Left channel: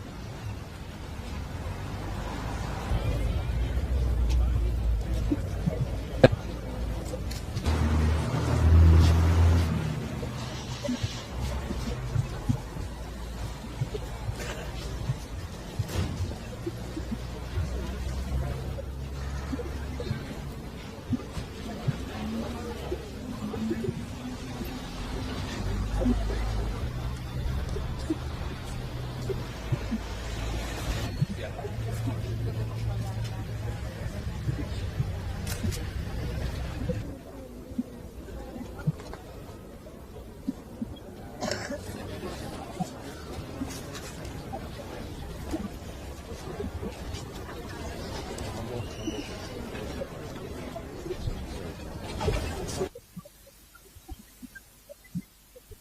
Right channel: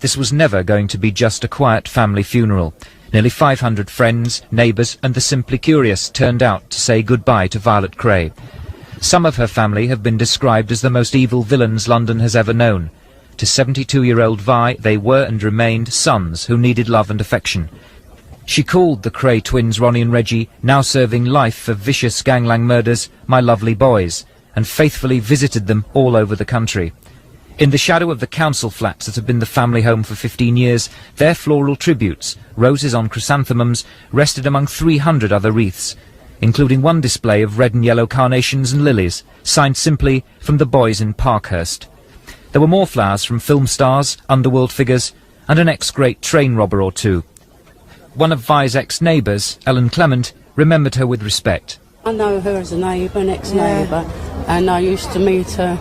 This was never going to be just a quiet family funeral. Nearly 500 friends, neighbours and the simply curious turned out to say goodbye to Violet Kray. Some of her family have been described as the most evil villains London has ever known. To 72-year-old Vi, they were and remained sons who needed love and affection. She called the Kray twins, Ronnie and Reggie, now serving life for vicious gangland murders, my lovely boys, and faithfully visited them all over the country. In the shadow of the council flats that have been the family home for 15 years, their floral tributes, roses on chrysanthemums, rested among 300 other wreaths, including one display of red and yellow carnations and lilies, signed simply from the boys in Parkhurst. There were more flowers from film stars, underworld figures, and an ex-great train robber or two. One of Vi's ex-neighbours, Ellen Clement, remembered her with respect. I know her as a neighbour, an ex-neighbour, and I used to meet her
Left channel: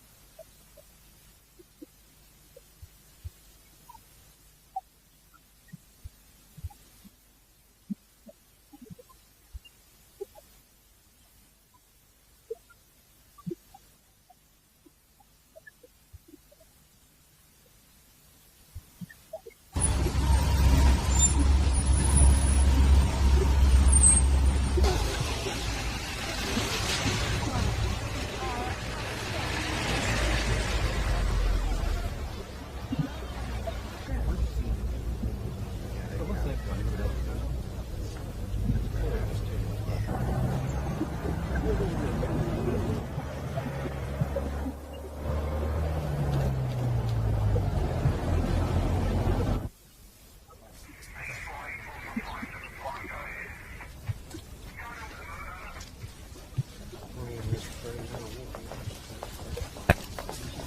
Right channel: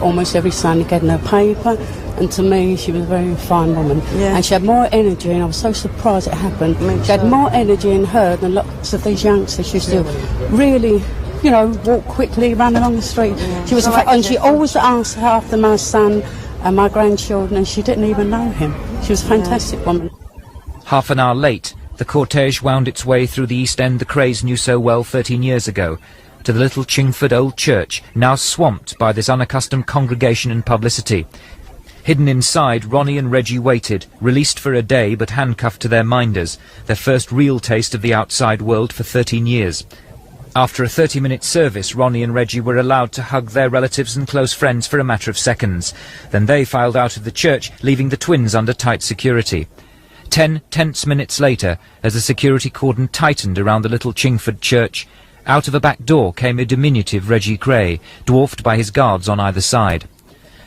almost every Sunday getting her paper, and to me she was a very fine woman. And she had more energy, and I was so surprised it happened. She had more energy in her than lots of these youngsters. She used to really, you know, walk quickly, run along the street. She was, and she always asked after my son and my grandchildren, and she didn't even know him. She was a fantastic woman. Half an hour late, the cortege wound its way through the East End the Krays knew so well 13 years ago, to the little Chingford old church, now swamped by this unaccustomed congregation and publicity. Hidden inside, Ronnie and Reggie waited, released for a day but handcuffed to their minders, their first real taste of the outside world for 13 years. After a 30-minute service, Ronnie and Reggie were allowed to hug their relatives and close friends for a matter of seconds. Then they filed out of the church, leaving the twins under tight security. 10 tense minutes later, as the security cordon tightened around the little Chingford church, out of a back door came a diminutive Reggie Kray, dwarfed by his guards on either side.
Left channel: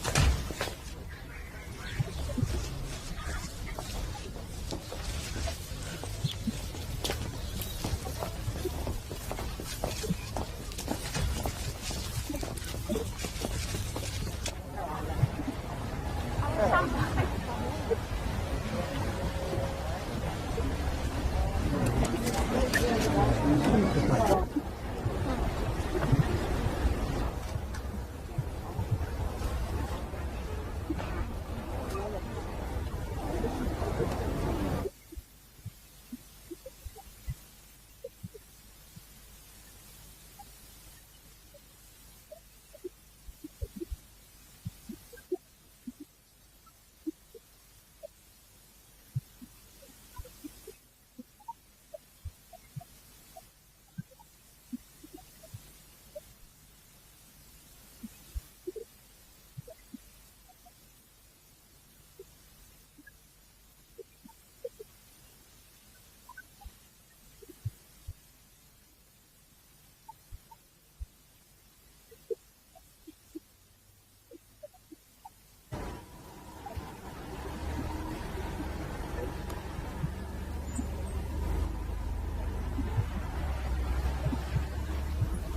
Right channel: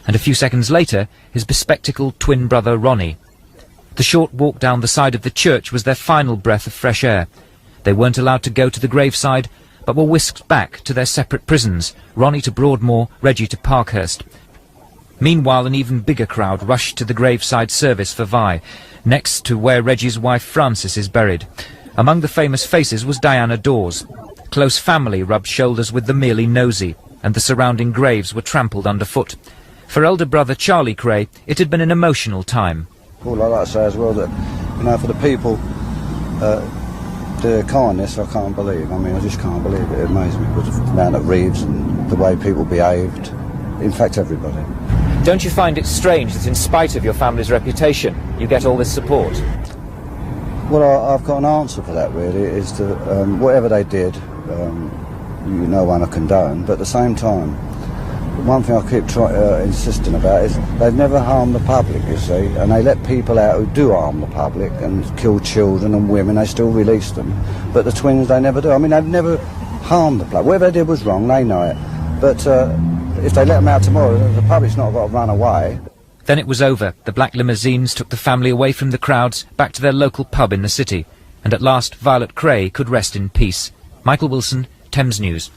And a few seconds later, his bespectacled twin brother Ronnie. The short walk down the side of the church was their final breath of fresh air. They weren't allowed to go to the graveside, but were whisked back to their separate prisons, Ronnie to Broadmoor, Reggie to Parkhurst. Meanwhile, an even bigger crowd rushed to the graveside service for Vi, next to where Reggie's wife Frances is buried. Among the famous faces was Diana Dawes. Close family rubbed shoulders with the merely nosy, and the surrounding graves were trampled underfoot. For elder brother Charlie Kray, it had been an emotional time. All I'd like to say as well that, you know, for the people, the kindness I can't believe. I mean, I just can't believe it. It amazes me. Down at Reeves and the way people behaved, in fact everybody. Don't you find it strange that in spite of your family's reputation, you get all this support? Well, I've got an answer for that, really, is that whatever they did, no one to condone, but at the same time, one thing I keep insisting about is they've never harmed the public, you see, and they let people out who do harm the public and kill children and women, they still release them. But the twins, they never do. I mean, they've never harmed the public. Whatever they did was wrong, they know it. But if they let them out tomorrow, the public's not got to run away. Then it was over. The black limousines took the family away from the crowds, back to their local pub in the city. And at last, Violet Kray could rest in peace. Michael Wilson, Thames News.